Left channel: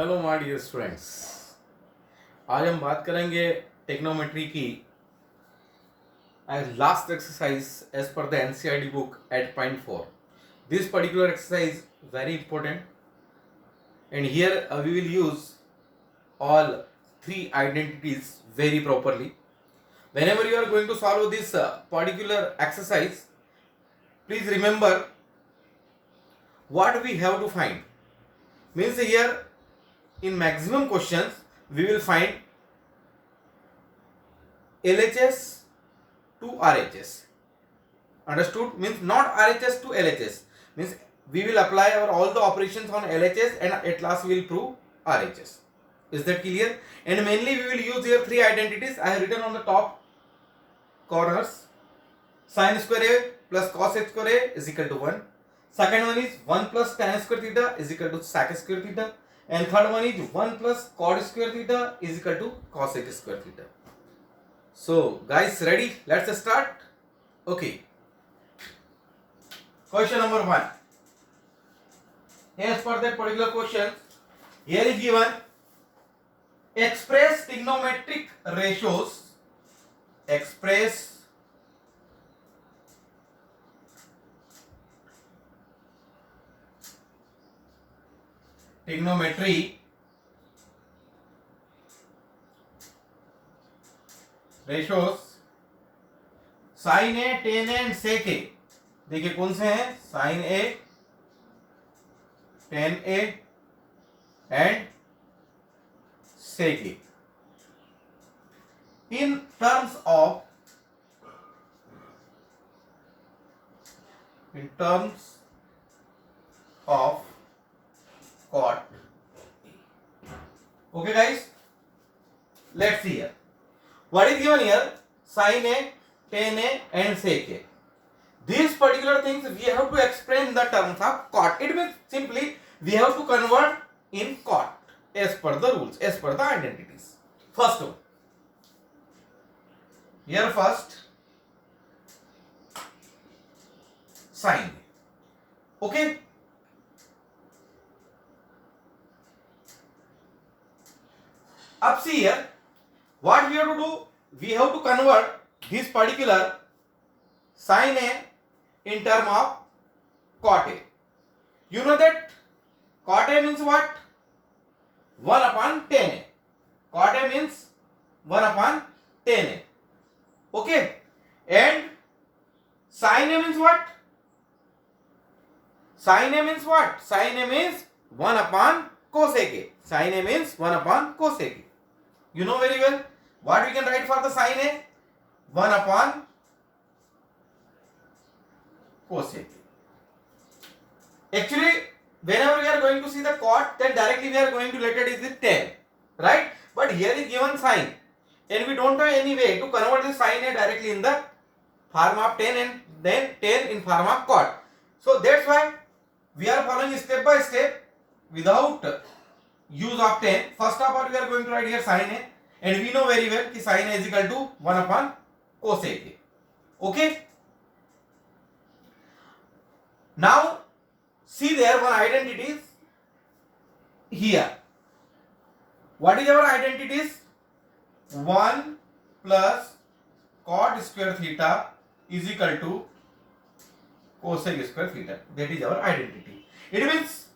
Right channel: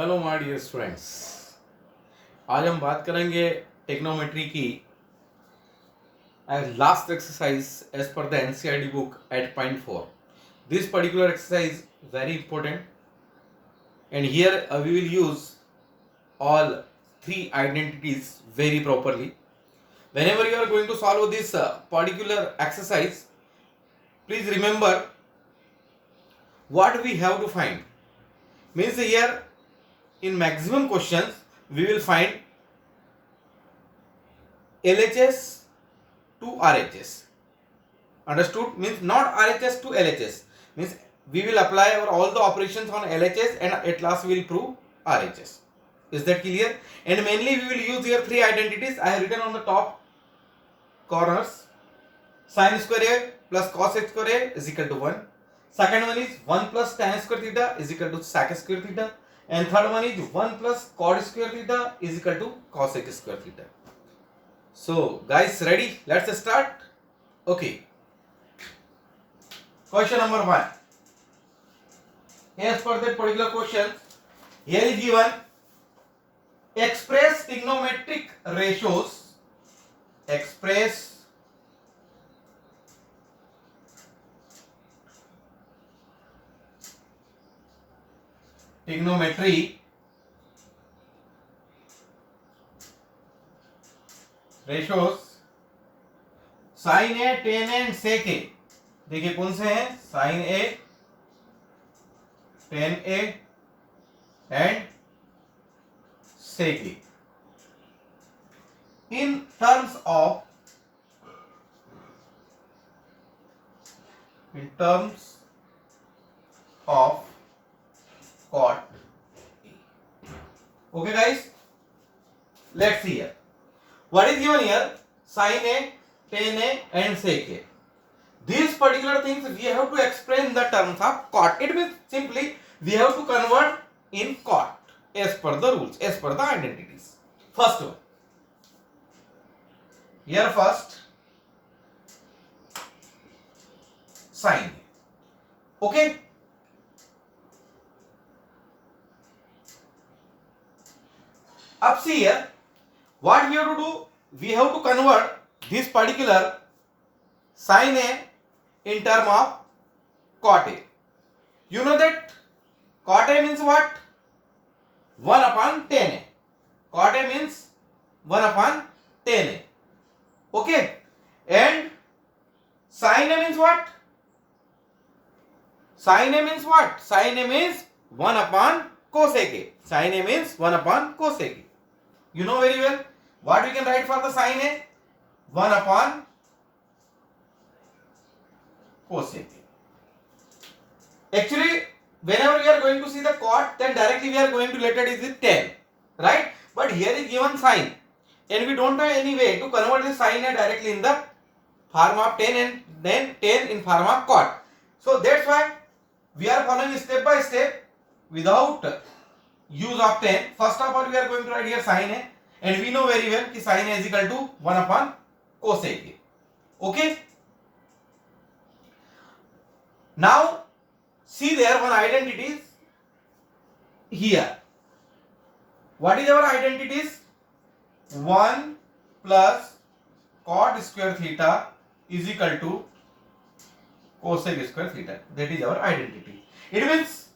Hello my dear students. आज हम बात करेंगे टेक्नोमेट्री की last exercise as per the NCERT book at point 4. This particular exercise very important, and here we will use all three identities very properly. Whenever you are going to solve this particular exercise, please remember what we have to find. Means here in maximum questions we will find LHS to RHS. Understood? Means not RHS to LHS. Means we will apply all the operations on LHS and at last we will prove RHS. Is that clear? And mainly we will use here three identities. I have written on the top corners. Sin square A plus cos square A is equal to 1. Second one is 1 plus tan square theta is equal to sec square theta. And third one is 1 plus cot square theta is equal to cosec square theta. So guys, ready? Let's start. Okay. Question number 1. As per that particular question, here is given express trigonometric ratios. Express trigonometry ratios sin A, tan A and sec A. देखिए कौन से हैं? sin A, tan A and sec A. In terms of cot. Okay guys, let's see here. What is given here? Sin A, tan A and sec A. These particular things we have to explain in the terms of cot. It means simply we have to convert in cot as per the rules, as per the identities. First one. Here first sin A. Okay. Up see here, what we have to do? We have to convert this particular sin A in term of cot A. You know that cot A means what? 1 upon tan A. Cot A means 1 upon tan A. Okay. And sin A means what? Sin A means what? Sin A means 1 upon cosec A. Sin A means 1 upon cosec A. You know very well. What we can write for the sin A? 1 upon cosec A. Actually, whenever we are going to see the cot, then directly we are going to related it with tan. Right? But here is given sin. And we don't have any way to convert the sin A directly in the form of tan and then tan in form of cot. So that's why we are following step by step without use of tan. First of all, we are going to write here sin A, and we know very well that sin A is equal to 1 upon cosec A. Okay. Now see there one identity here. What is our identities? 1 plus cot square theta is equal to cosec square theta. That is our identity. It means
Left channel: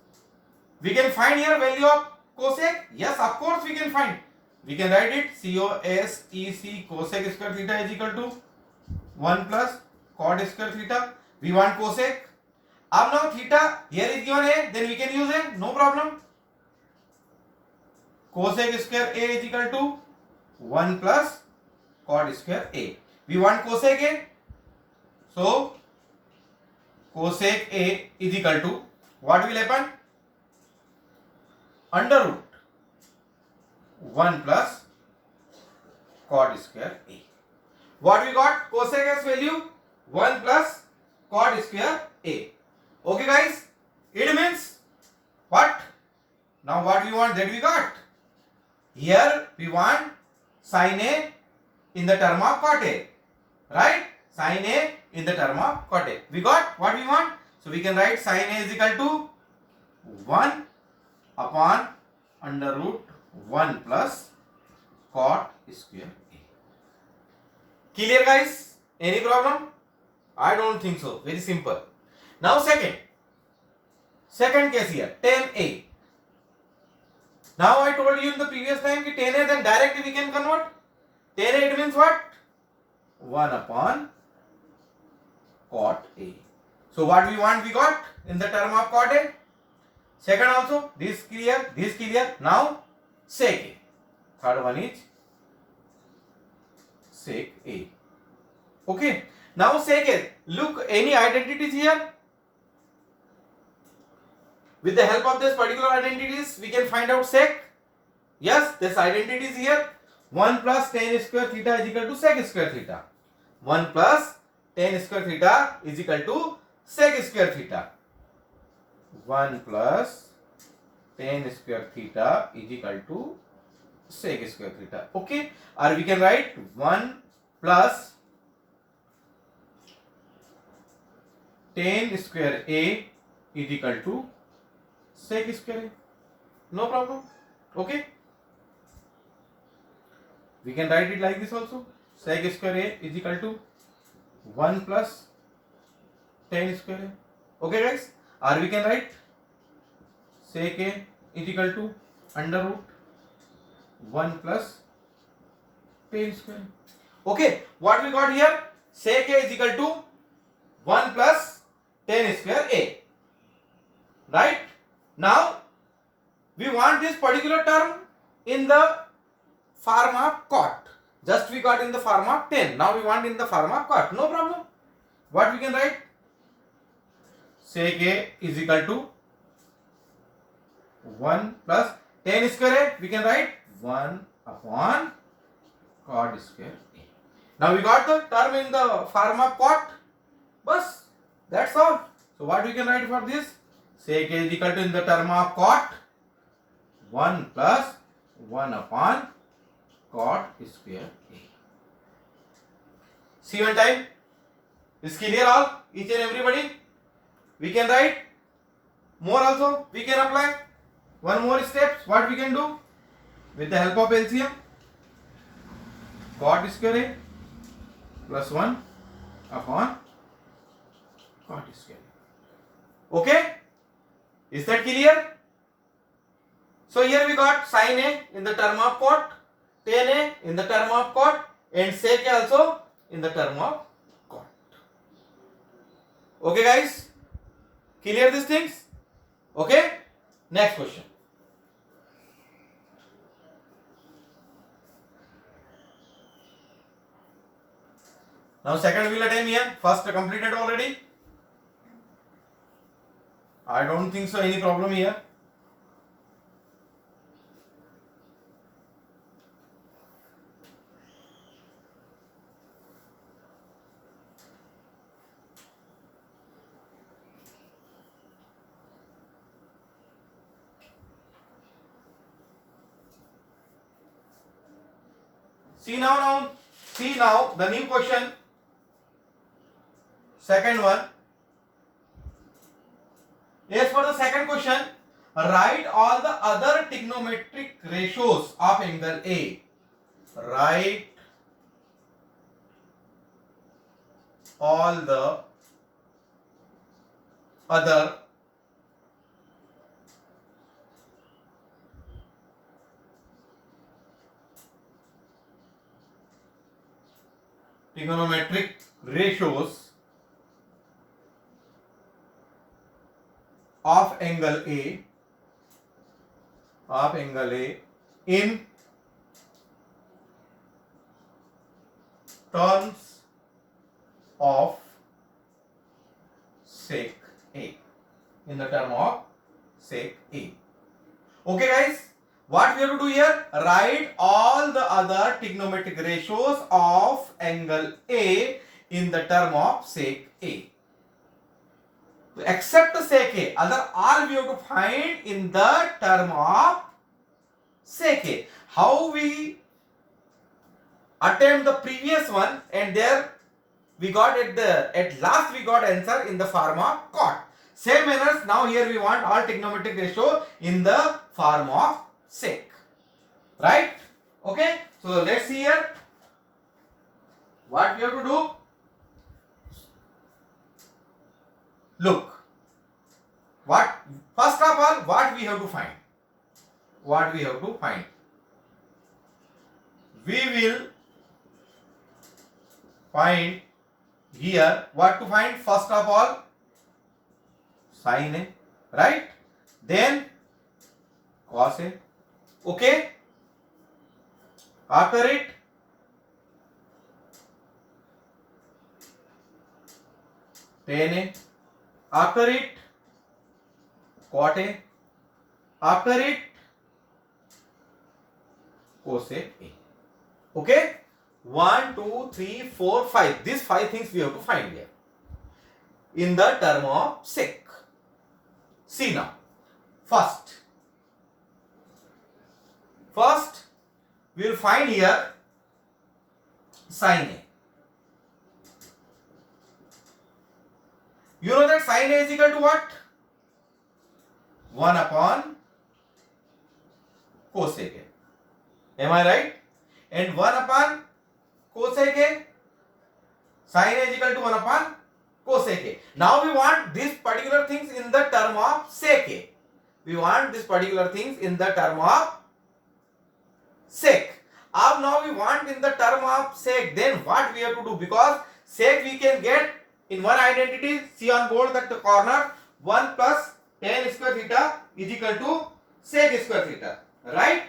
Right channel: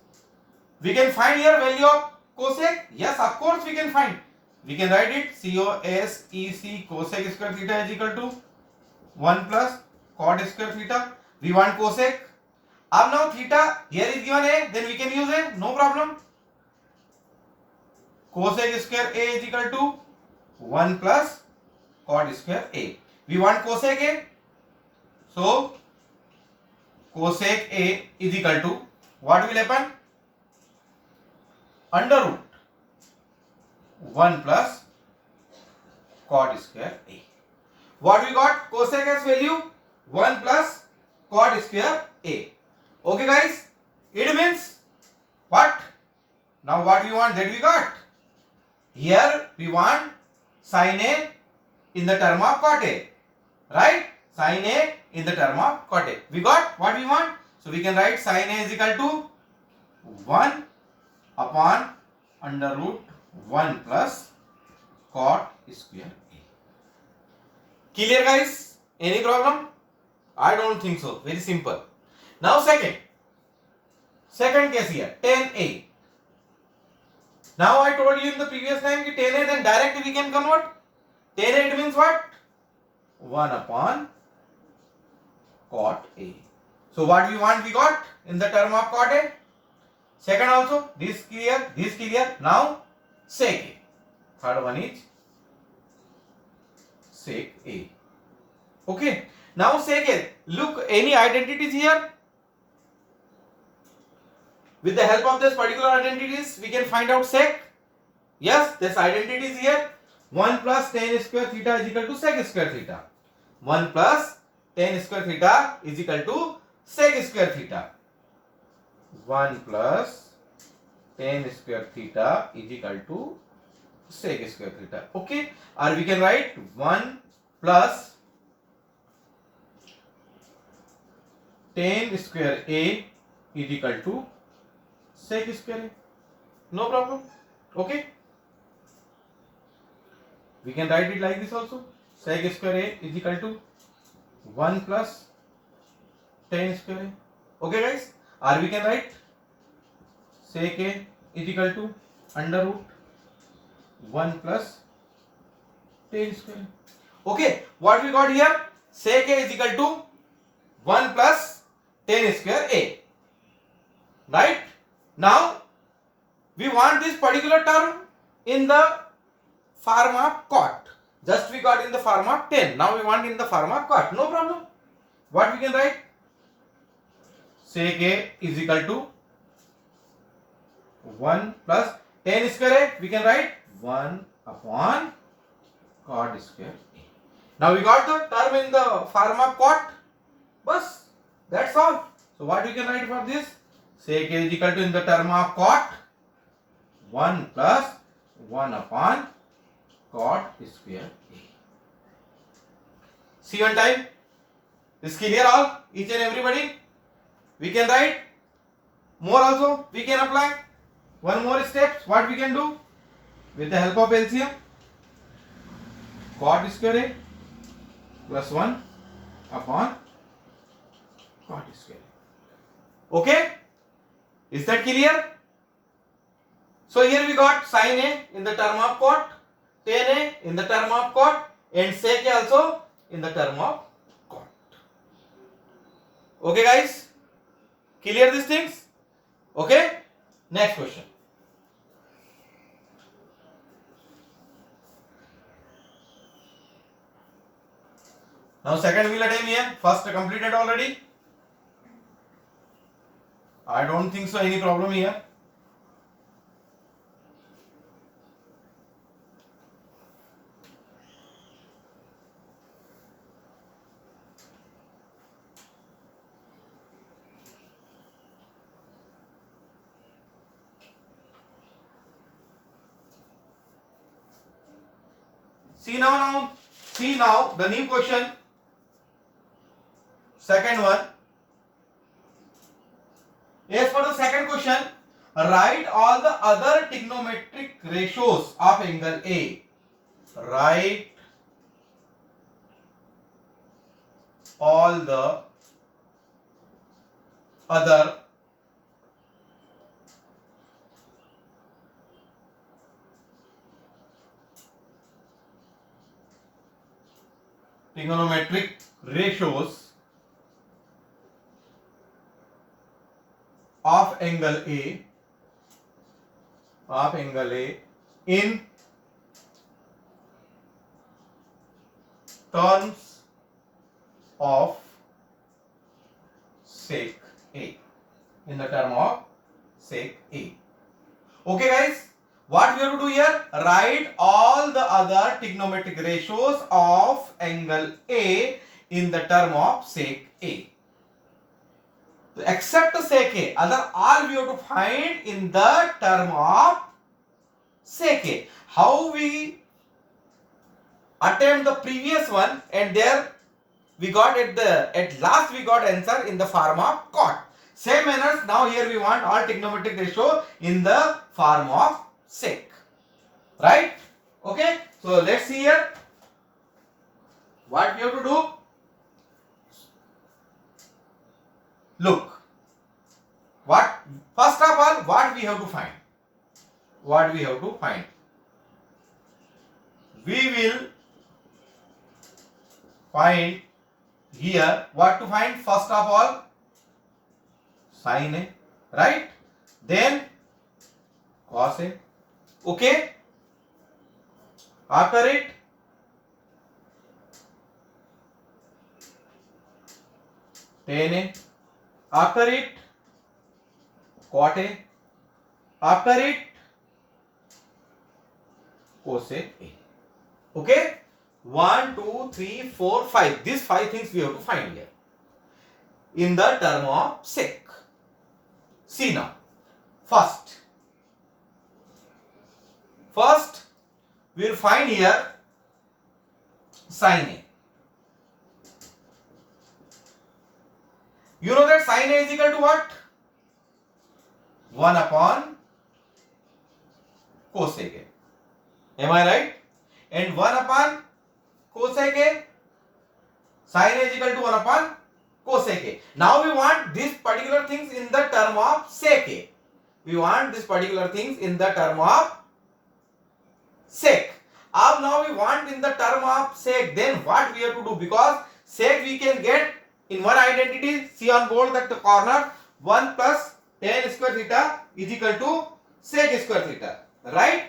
we can find here value of cosec. Yes, of course we can find. We can write it cosec cosec square theta is equal to 1 plus cot square theta. We want cosec. अब now theta here is given A, then we can use A, no problem. Cosec square A is equal to 1 plus cot square A. We want cosec A, so cosec A is equal to what will happen? Under root 1 plus cot square A. What we got? Cosec as value 1 plus cot square A. Okay guys, it means what? Now what we want, that we got. Here we want sin A in the term of cot A, right? Sin A in the term of cot A. We got what we want. So we can write sin A is equal to 1 upon under root 1 plus cot square A. Clear guys? Any problem? I don't think so. Very simple. Now second case here, tan A. Now I told you in the previous time that tan A, then directly we can convert. Tan A, it means what? 1 upon cot A. So what we want, we got in the term of cot A. Second also, this clear. Now sec A. Third one is sec A. Okay. Now sec A. Look, any identities here? With the help of this particular identities, we can find out sec. Yes, this identity is here. 1 plus tan square theta is equal to sec square theta. 1 plus tan square theta is equal to sec square theta. 1 plus tan square theta is equal to sec square theta. Okay. Or we can write 1 plus tan square A is equal to sec square A. No problem. Okay. We can write it like this also. Sec square A is equal to 1 plus tan square A. Okay guys. Or we can write sec A is equal to under root 1 plus tan square A. Okay. What we got here? Sec A is equal to 1 plus tan square A. Right? Now we want this particular term in the form of cot. Just we got in the form of tan. Now we want in the form of cot. No problem. What we can write? Sec A is equal to 1 plus tan square A. We can write 1 upon cot square A. Now we got the term in the form of cot. Bas, that's all. So what we can write for this? Sec A is equal to in the term of cot 1 plus 1 upon cot square A. See one time. Is clear all? Each and everybody? We can write more also. We can apply one more steps. What we can do? With the help of LCM, cot square A plus 1 upon cot square A. Okay? Is that clear? So here we got sin A in the term of cot, tan A in the term of cot, and sec A also in the term of cot. Okay guys? Clear these things? Okay? Next question. Now second wheel attempt here. First completed already. I don't think so any problem here. See now the new question. Second one. As for the second question, write all the other trigonometric ratios of angle A. Write all the other trigonometric ratios of angle A in terms of sec A. In the term of sec A. Okay guys, what we have to do here? Write all the other trigonometric ratios of angle A in the term of sec A. Except sec A, other all we have to find in the term of sec A. How we attempt the previous one, and there we got at last we got answer in the form of cot. Same manners, now here we want all trigonometric ratio in the form of sec. Right? Okay. So let's see here. What we have to do? Look. What first of all, what we have to find? What we have to find? We will find here what to find. First of all, sin A, right? Then cos A. Okay. After it, tan A. After it, cot A. After it, cos A. Okay. 1, 2, 3, 4, 5. These 5 things we have to find here in the term of sec. See now. First we will find here sin A. You know that sin A is equal to what? 1 upon cosec A. Am I right? And 1 upon cosec A, sin A is equal to 1 upon cosec A. Now we want these particular things in the term of sec A. We want these particular things in the term of sec. Now we want in the term of sec. Then what we have to do? Because sec we can get in one identity. See on board that the corner 1 plus tan square theta is equal to sec square theta. Right?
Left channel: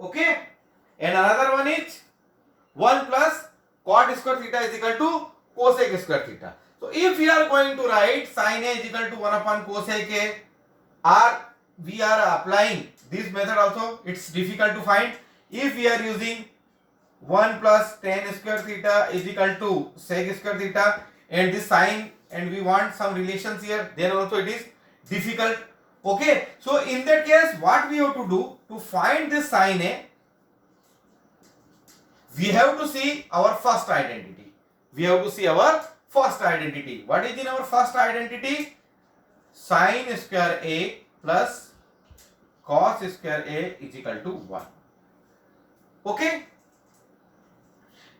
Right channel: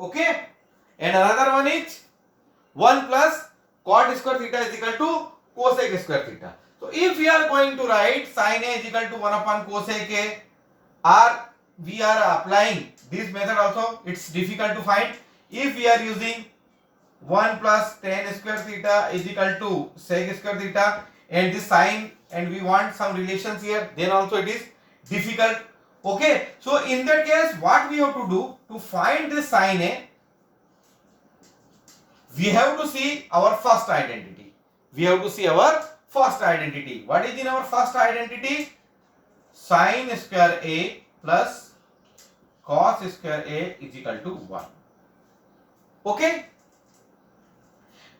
Okay. And another one is 1 plus cot square theta is equal to cosec square theta. So if we are going to write sin A is equal to 1 upon cosec A, or we are applying this method also, it's difficult to find. If we are using 1 plus tan square theta is equal to sec square theta and this sin, and we want some relations here, then also it is difficult. Okay. So in that case, what we have to do to find this sin A, we have to see our first identity. We have to see our first identity. What is in our first identity? Sin square A plus cos square A is equal to 1. Okay.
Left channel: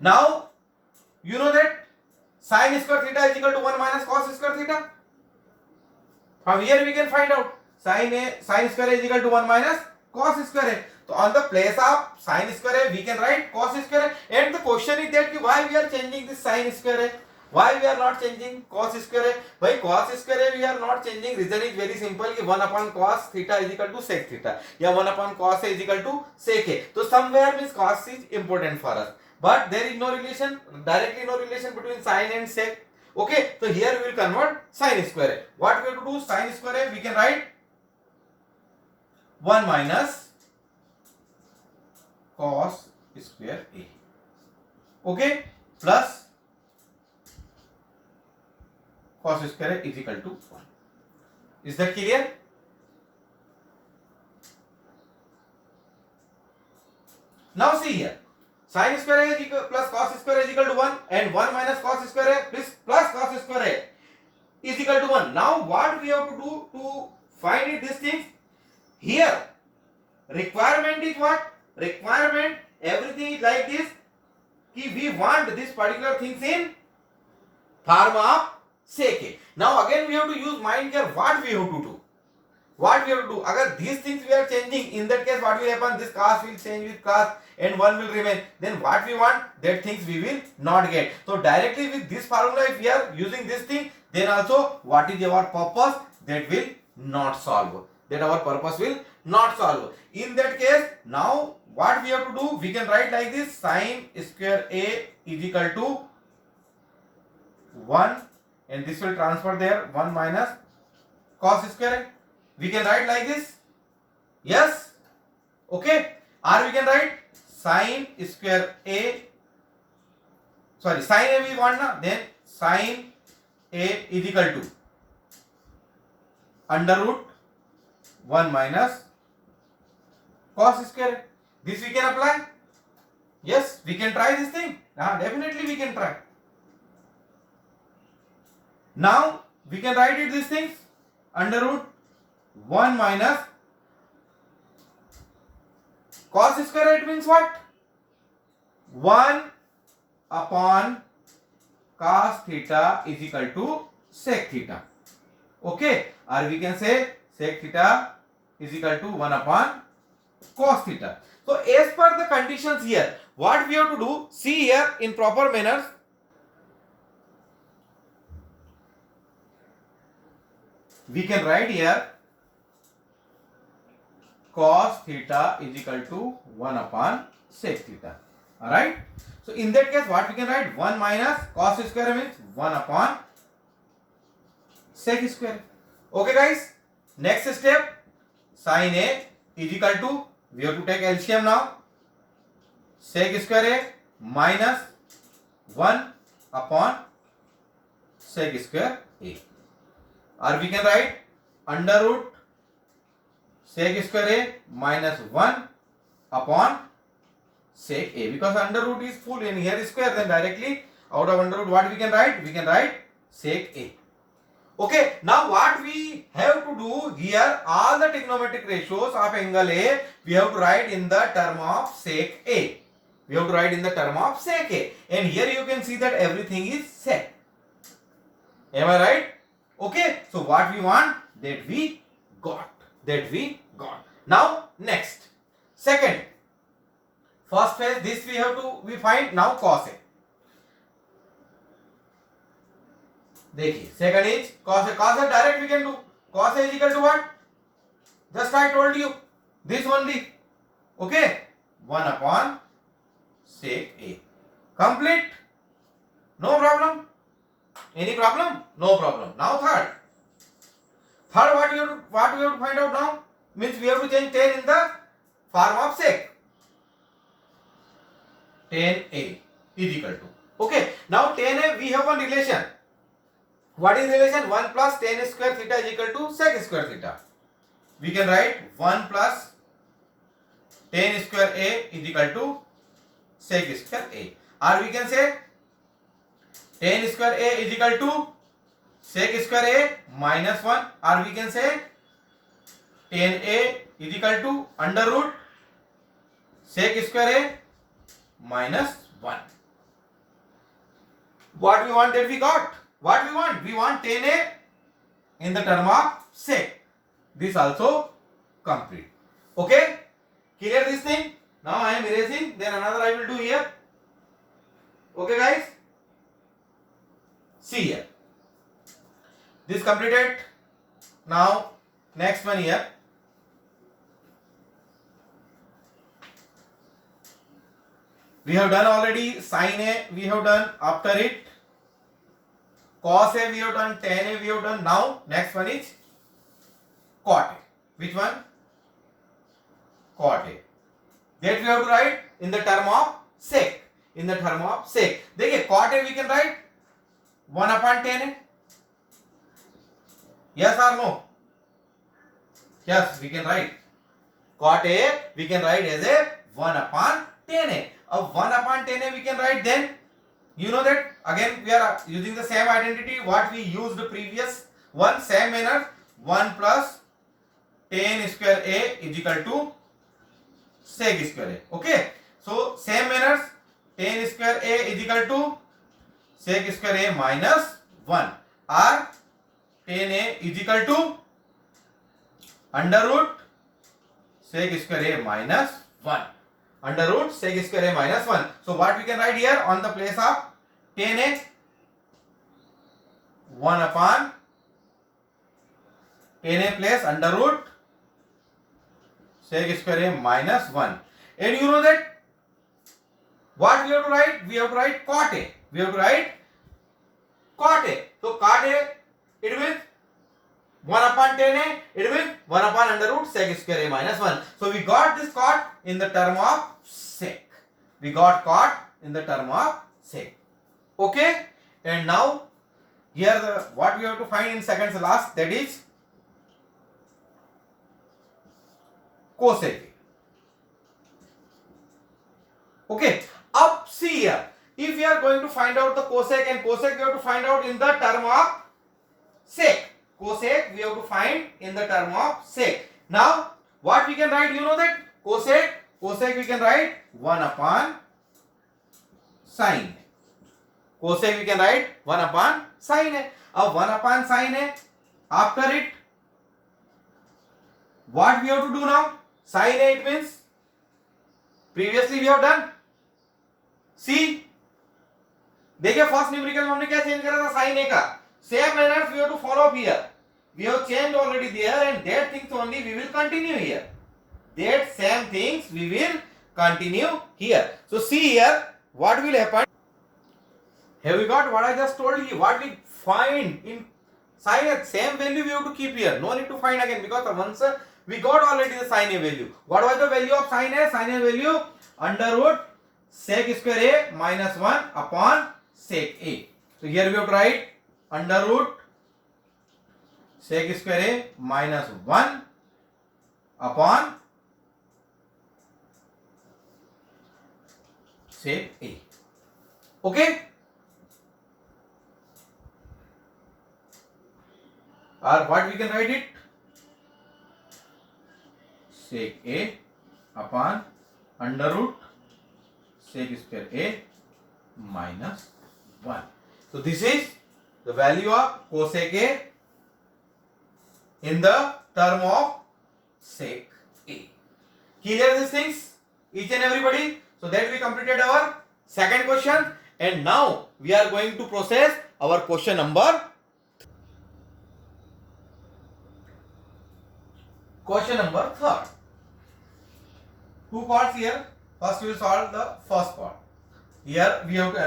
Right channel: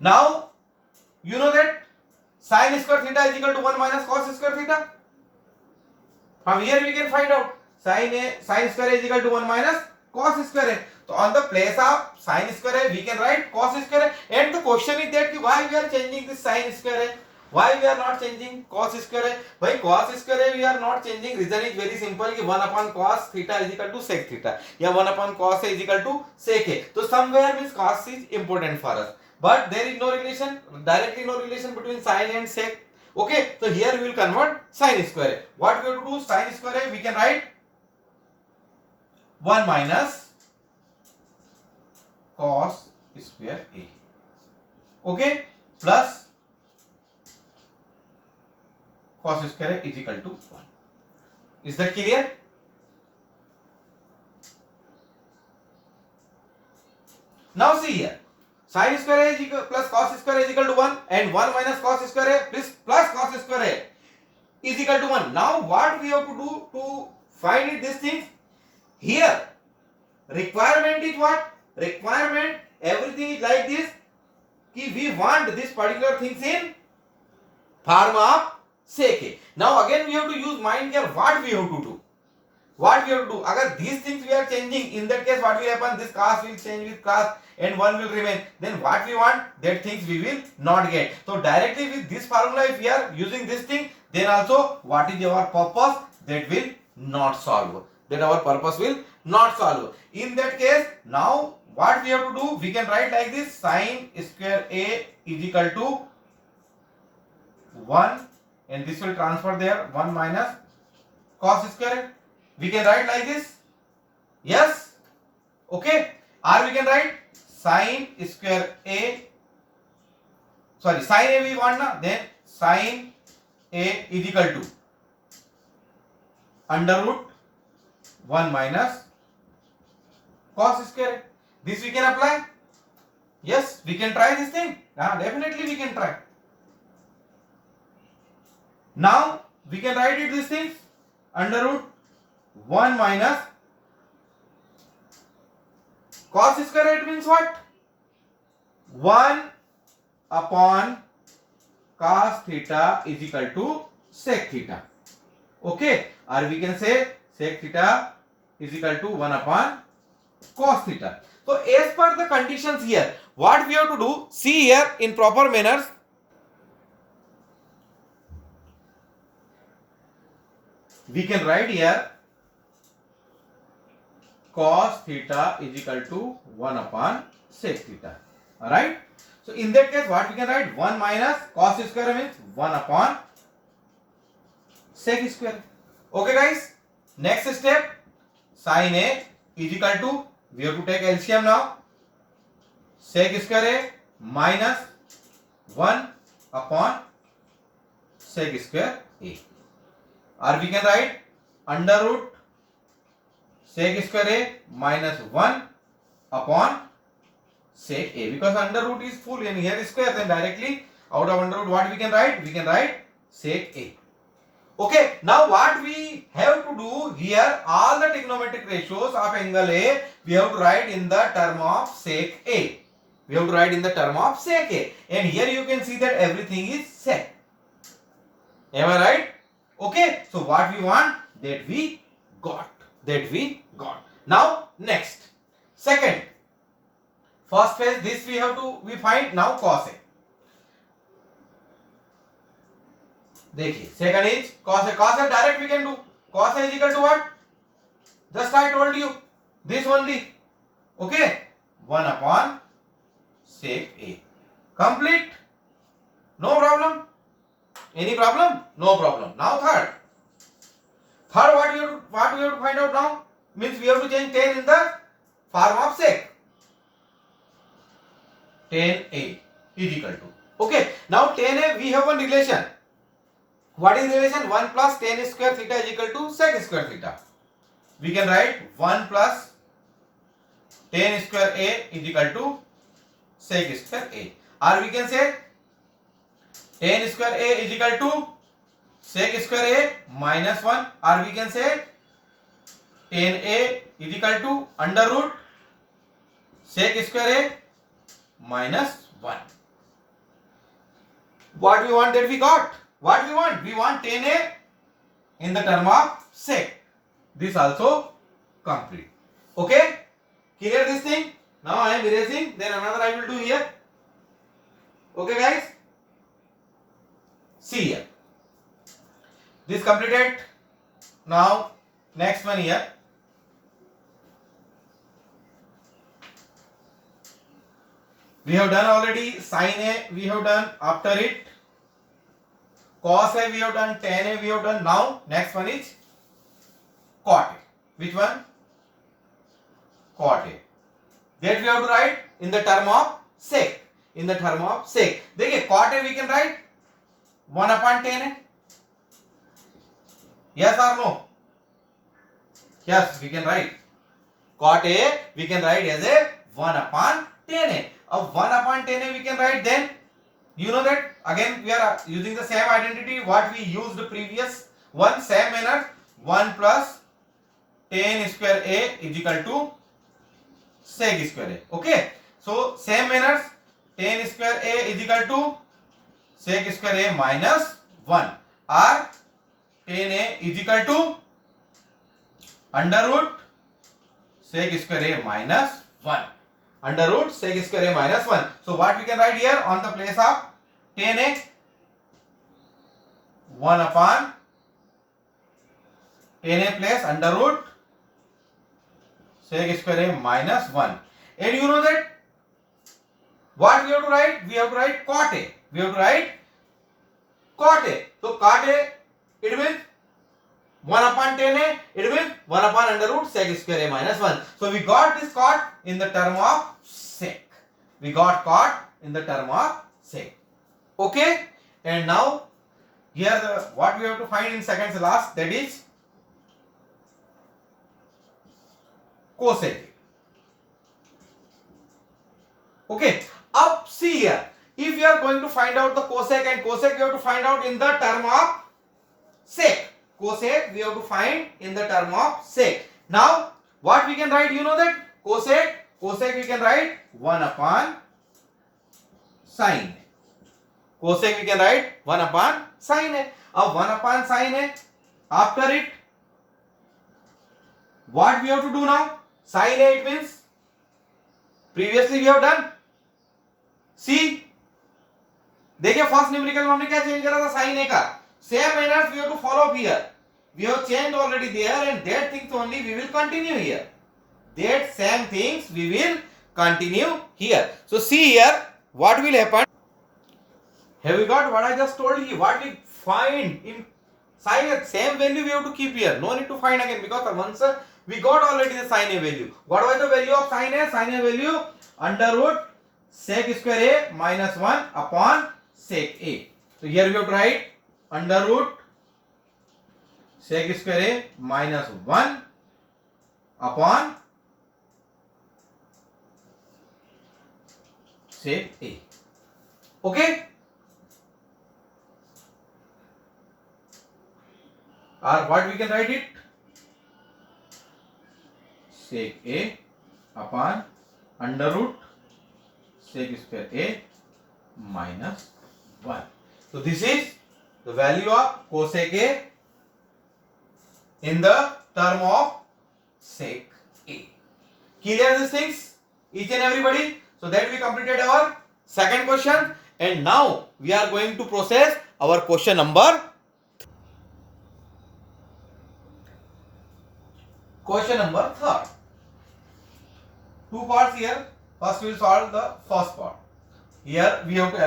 Now, you know that sin square theta is equal to 1 minus cos square theta. From here we can find out sin square A is equal to 1 minus cos square A. So on the place of sin square A, we can write cos square A. And the question is that why we are changing this sin square A? Why we are not changing cos square A? Why cos square A we are not changing? Reason is very simple. 1 upon cos theta is equal to sec theta. Yeah, 1 upon cos A is equal to sec A. So somewhere means cos is important for us. But there is no relation, directly no relation between sin and sec. Okay, so here we will convert sin square A. What we have to do? Sin square A we can write 1 minus cos square A. Okay, plus cos square A is equal to 1. Is that clear? Now see here. Sin square A is equal plus cos square A is equal to 1 and 1 minus cos square A plus cos square A is equal to 1. Now what we have to do to find it these things? Here requirement is what? Requirement, everything is like this. We want this particular things in form of sec A. Now again we have to use mind here. What we have to do? What we have to do? Agar these things we are changing, in that case what will happen? This cos will change with cos and 1 will remain. Then what we want? That things we will not get. So directly with this formula, if we are using this thing, then also what is our purpose? That will not solve. That our purpose will not solve. In that case, now what we have to do? We can write like this: sin square A is equal to 1, and this will transfer there, 1 minus cos square A. We can write like this. Yes. Okay. Or we can write sin square A. Sorry, sin A we want now. Then sin A is equal to under root 1 minus cos square A. This we can apply. Yes, we can try this thing. Definitely we can try. Now we can write it these things under root 1 minus cos square it means what? 1 upon cos theta is equal to sec theta. Okay, or we can say sec theta is equal to 1 upon cos theta. So as per the conditions here, what we have to do, see here in proper manners. We can write here cos theta is equal to 1 upon sec theta. Alright. So in that case, what we can write? 1 minus cos square means 1 upon sec square. Okay guys. Next step, sin A is equal to, we have to take LCM now, sec square A minus 1 upon sec square A. Or we can write under root sec square A minus 1 upon sec A, because under root is full and here is square, then directly out of under root what we can write? We can write sec A. Okay, now what we have to do here, all the trigonometric ratios of angle A, we have to write in the term of sec A. We have to write in the term of sec A. And here you can see that everything is sec. Am I right? Okay, so what we want, that we got. Now next, second, first phase, this we find now cos A. देखिए, second is cos A direct we can do. Cos A is equal to what? Just I told you, this only. Okay, 1 upon sec A. Complete. No problem. Any problem? No problem. Now third, what we have to find out now? Means we have to change tan in the form of sec. Tan A is equal to. Okay. Now tan A we have one relation. What is relation? 1 plus tan square theta is equal to sec square theta. We can write 1 plus tan square A is equal to sec square A. Or we can say tan square A is equal to sec square A minus 1. Or we can say tan A is equal to under root sec square A minus 1. What we want, that we got. What we want? We want tan A in the term of sec. This also complete. Okay? Clear this thing? Now I am erasing, then another I will do here. Okay guys? See here. This completed. Now next one here. We have done already sin A, we have done after it. Cos A we have done, tan A we have done. Now next one is cot A. Which one? Cot A. That we have to write in the term of sec. In the term of sec. देखिए cot A we can write 1 upon tan A. Yes or no? Yes, we can write. Cot A we can write as a 1 upon tan A. Of 1 upon tan A we can write, then you know that again we are using the same identity what we used the previous one, same manner. 1 plus tan square A is equal to sec square A. Okay, so same manners, tan square A is equal to sec square A minus 1, or tan A is equal to under root sec square A minus 1. Under root sec square A minus 1. So what we can write here on the place of tan A? 1 upon tan A plus under root sec square A minus 1. And you know that what we have to write? We have to write cot A. We have to write cot A. So cot A, it means 1 upon tan A, it means 1 upon under root sec square A minus 1. So we got this cot in the term of sec. We got cot in the term of sec. Okay? And now here what we have to find in seconds last, that is cosec. Okay, up see here, if we are going to find out the cosec, and cosec we have to find out in the term of sec. Cosec we have to find in the term of sec. Now what we can write, you know that cosec cosec we can write 1 upon sin है. Cosec we can write 1 upon sin है. अब 1 upon sin है. After it, what we have to do now? Sin a, it means previously we have done. See, देखिए first numerical में हमने क्या change करा था sin a का. Same manners we have to follow here. We have changed already there, and that things only we will continue here. That same things we will continue here. So see here what will happen. Have you got what I just told you? What we find in sin a, same value we have to keep here. No need to find again, because once we got already the sin a value. What was the value of sin a? Sin a value under root sec square a minus 1 upon sec a. So here we have to write under root sec square a minus 1 upon sec a. Okay? Or what we can write it? Sec a upon under root sec square a minus 1. So this is the value of cosec a in the term of sec a. Clear these things, each and everybody? So that we completed our second question, and now we are going to process our question number. Question number third. Two parts here. First we will solve the first part. Here we have to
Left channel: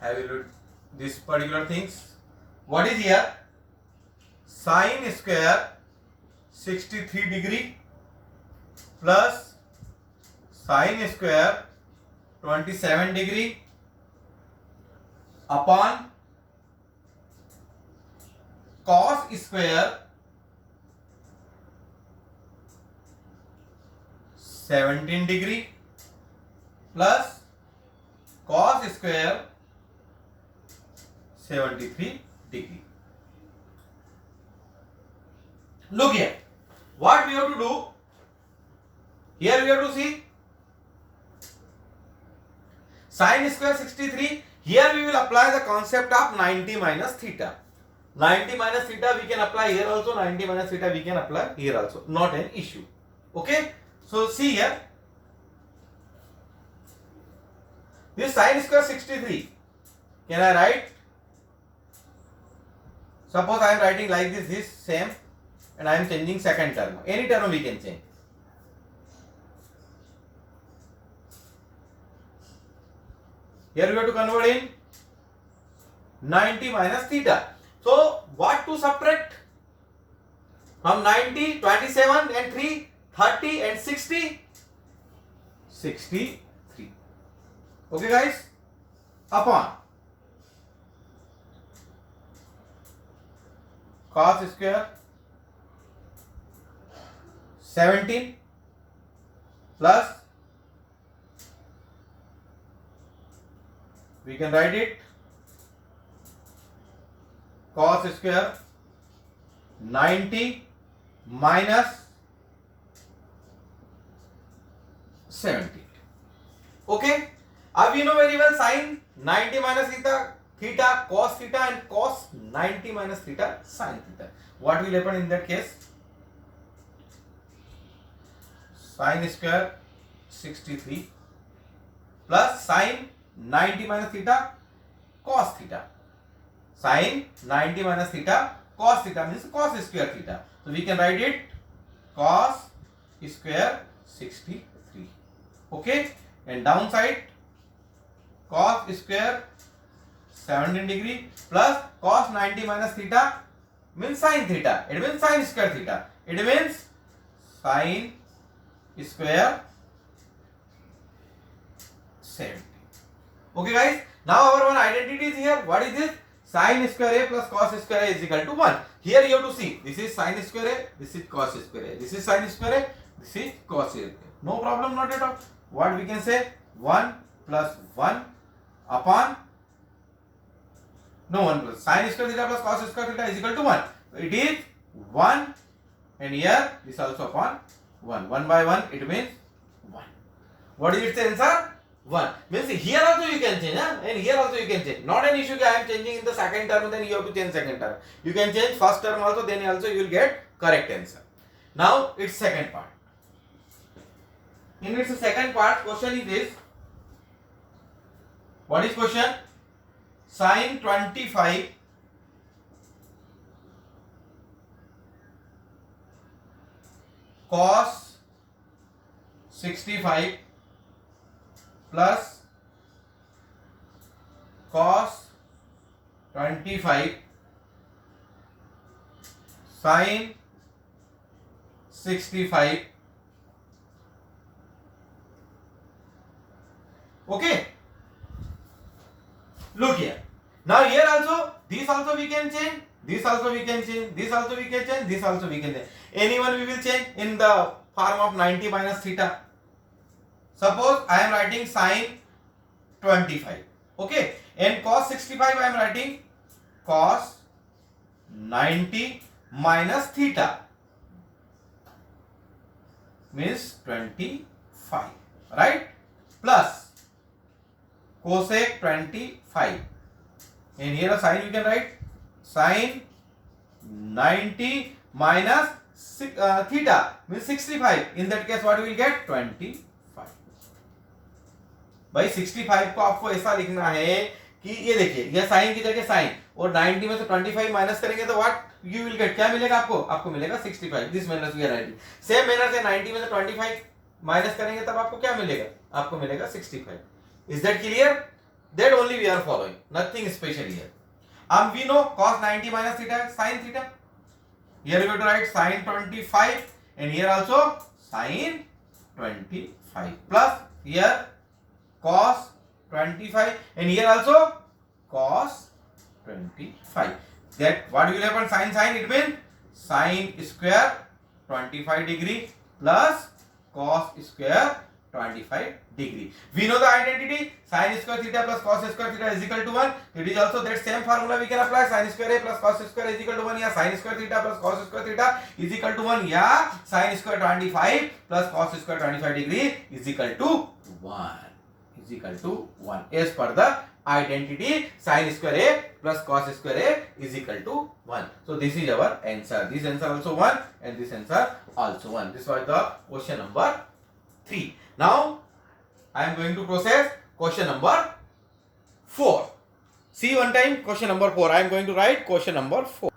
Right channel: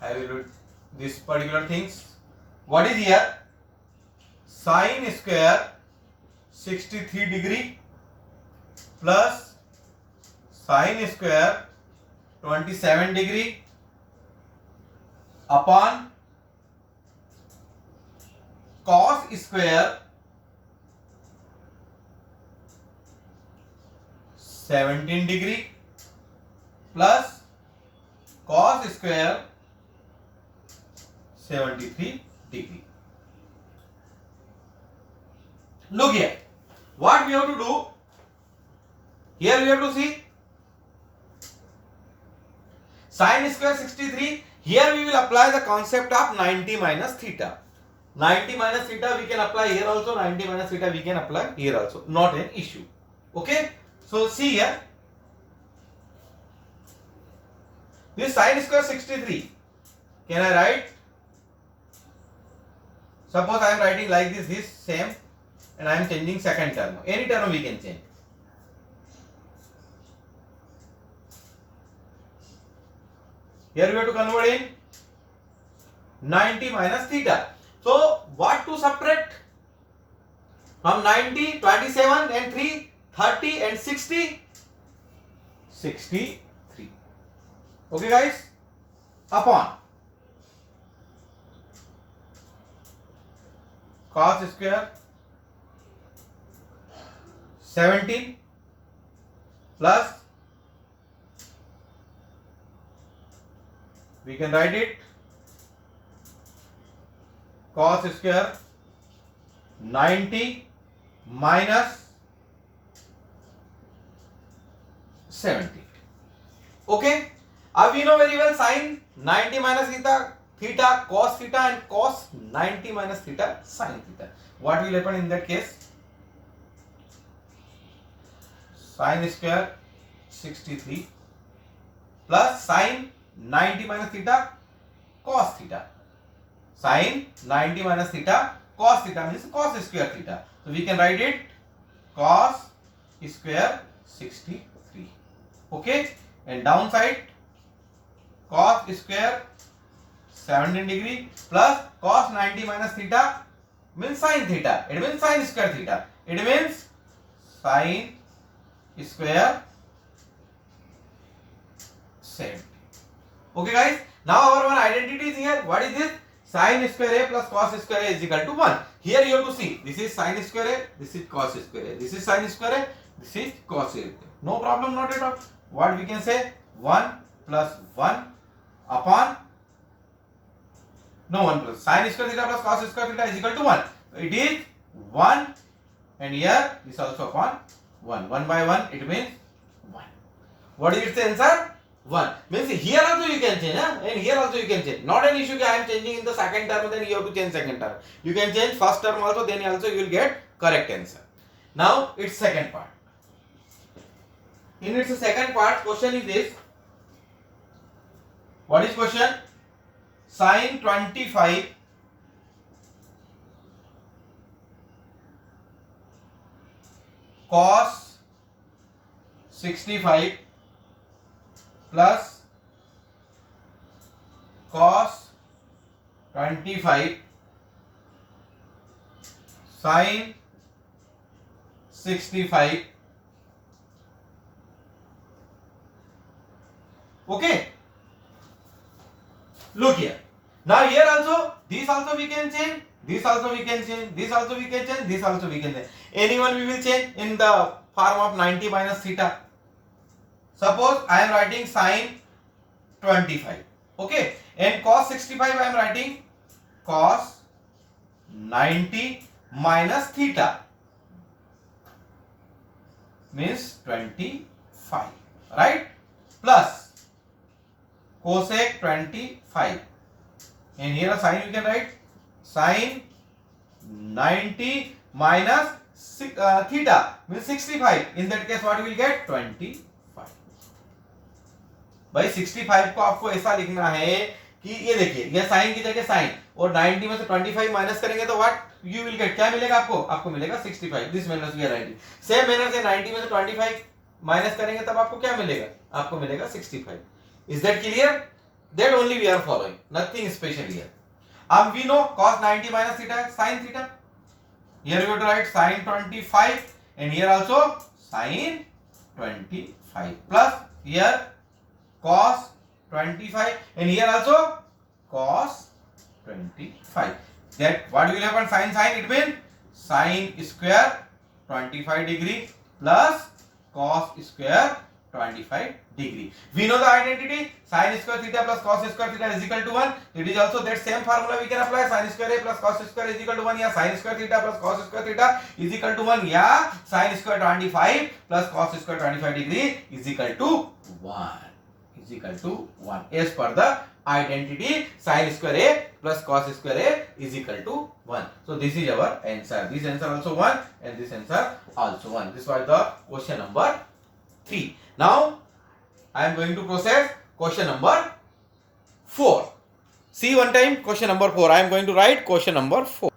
evaluate this particular things. What is here? Sin square 63 degree plus sin square 27 degree upon cos square 17 degree plus cos square 73 degree. Look here. What we have to do? Here we have to see sin square 63. Here we will apply the concept of 90 minus theta. 90 minus theta we can apply here also. 90 minus theta we can apply here also. Not an issue. Okay. So see here. This sin square 63. Can I write? Suppose I am writing like this same, and I am changing second term. Any term we can change. Here we have to convert in 90 minus theta. So what to subtract? From 90, 27 and 3, 30 and 60, 63. Okay guys? Upon cos square 17 plus, we can write it cos square 90 minus 70. Okay. Now we know very well sin 90 minus theta cos theta, and cos 90 minus theta sin theta. What will happen in that case? Sin square 63 plus sin 90 minus theta cos theta. Sin 90 minus theta cos theta means cos square theta. So we can write it cos square 63. Okay. And downside cos square 17 degree plus cos 90 minus theta means sin theta. It means sin square theta. It means sin square 70. Okay guys. Now our one identity is here. What is this? Sin square a plus cos square a is equal to 1. Here you have to see. This is sin square a. This is cos square a. This is sin square a. This is cos a. No problem, not at all. What we can say? 1 plus 1 upon, no, 1 plus sin square theta plus cos square theta is equal to 1. It is 1, and here this also upon 1. 1 by 1, it means 1. What is its answer? 1. Means here also you can change, huh? And here also you can change. Not an issue that I am changing in the second term, then you have to change second term. You can change first term also, then also you will get correct answer. Now its second part. In its second part, question is this. What is question? Sin 25 cos 65 plus cos 25 sin 65. Okay. Look here. Now here also, this also we can change, this also we can change, this also we can change, this also we can change. Anyone we will change in the form of 90 minus theta. Suppose I am writing sin 25. Okay. And cos 65 I am writing cos 90 minus theta. Means 25. Right? Plus cosec 25. And here a sign you can write sin 90 minus theta means 65. In that case what we will get 25. भाई 65 को आपको ऐसा लिखना है कि ये देखिए ये साइन की जगह साइन और 90 में से 25 माइनस करेंगे तो व्हाट यू विल गेट, क्या मिलेगा आपको? आपको मिलेगा 65. This manner we are writing. Same manner से 90 में से 25 माइनस करेंगे तब आपको क्या मिलेगा? आपको मिलेगा 65. Is that clear? That only we are following, nothing special here. We know cos 90 minus theta is sin theta. Here we have to write sin 25 and here also sin 25 plus here cos 25 and here also cos 25. That what will happen? Sin it means sin square 25 degree plus cos square 25 degree. We know the identity sin square theta plus cos square theta is equal to 1. It is also that same formula we can apply. Sin square a plus cos square is equal to 1. Yeah, sin square theta plus cos square theta is equal to 1. Yeah, sin square 25 plus cos square 25 degree is equal to 1. Is equal to 1. As per the identity, sin square a plus cos square a is equal to 1. So this is our answer. This answer also 1 and this answer also 1. This was the question number 3. Now I am going to process question number 4. See one time question number 4. I am going to write question number 4.